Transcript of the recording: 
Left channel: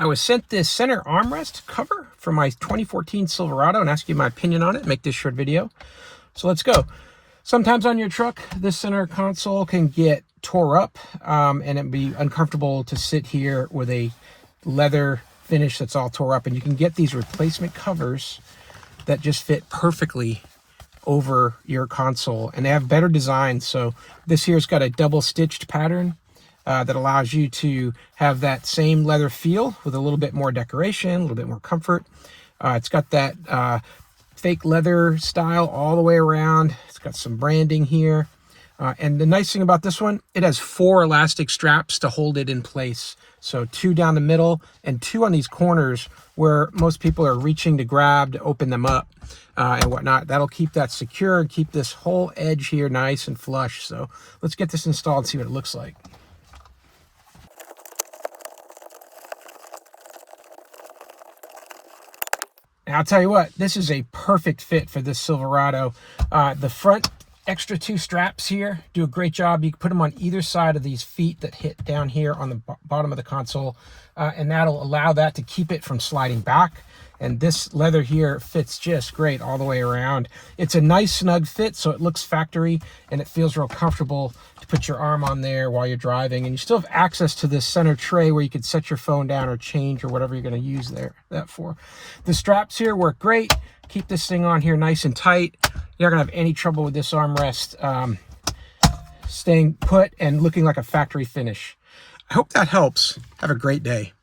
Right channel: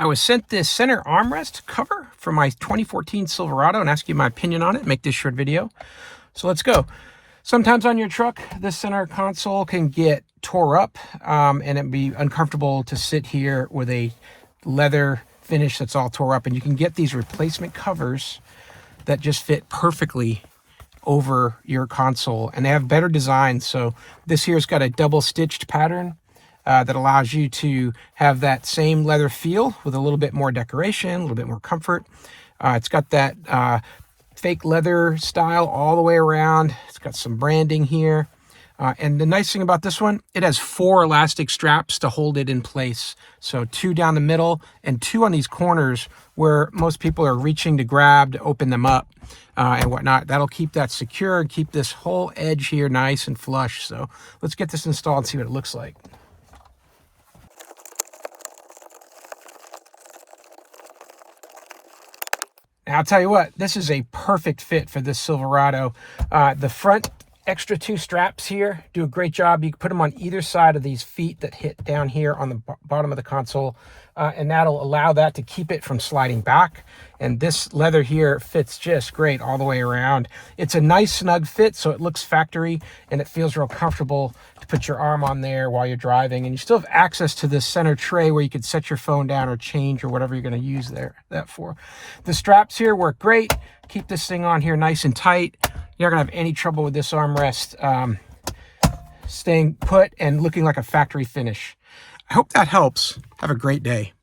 I was sent this center armrest cover for my 2014 Silverado and asked you my opinion on it. Make this short video. So let's go. Sometimes on your truck, this center console can get tore up and it'd be uncomfortable to sit here with a leather finish that's all tore up. And you can get these replacement covers that just fit perfectly over your console, and they have better design. So this here's got a double stitched pattern that allows you to have that same leather feel with a little bit more decoration, a little bit more comfort. It's got that fake leather style all the way around. It's got some branding here. And the nice thing about this one, it has 4 elastic straps to hold it in place. So 2 down the middle and 2 on these corners where most people are reaching to grab to open them up and whatnot. That'll keep that secure and keep this whole edge here nice and flush. So let's get this installed and see what it looks like. Now, I'll tell you what, this is a perfect fit for this Silverado. The front extra 2 straps here do a great job. You can put them on either side of these feet that hit down here on the bottom of the console, and that'll allow that to keep it from sliding back. And this leather here fits just great all the way around. It's a nice snug fit, so it looks factory and it feels real comfortable to put your arm on there while you're driving. And you still have access to this center tray where you can set your phone down or change or whatever you're going to use that for. The straps here work great. Keep this thing on here nice and tight. You're not going to have any trouble with this armrest staying put and looking like a factory finish. I hope that helps. Have a great day.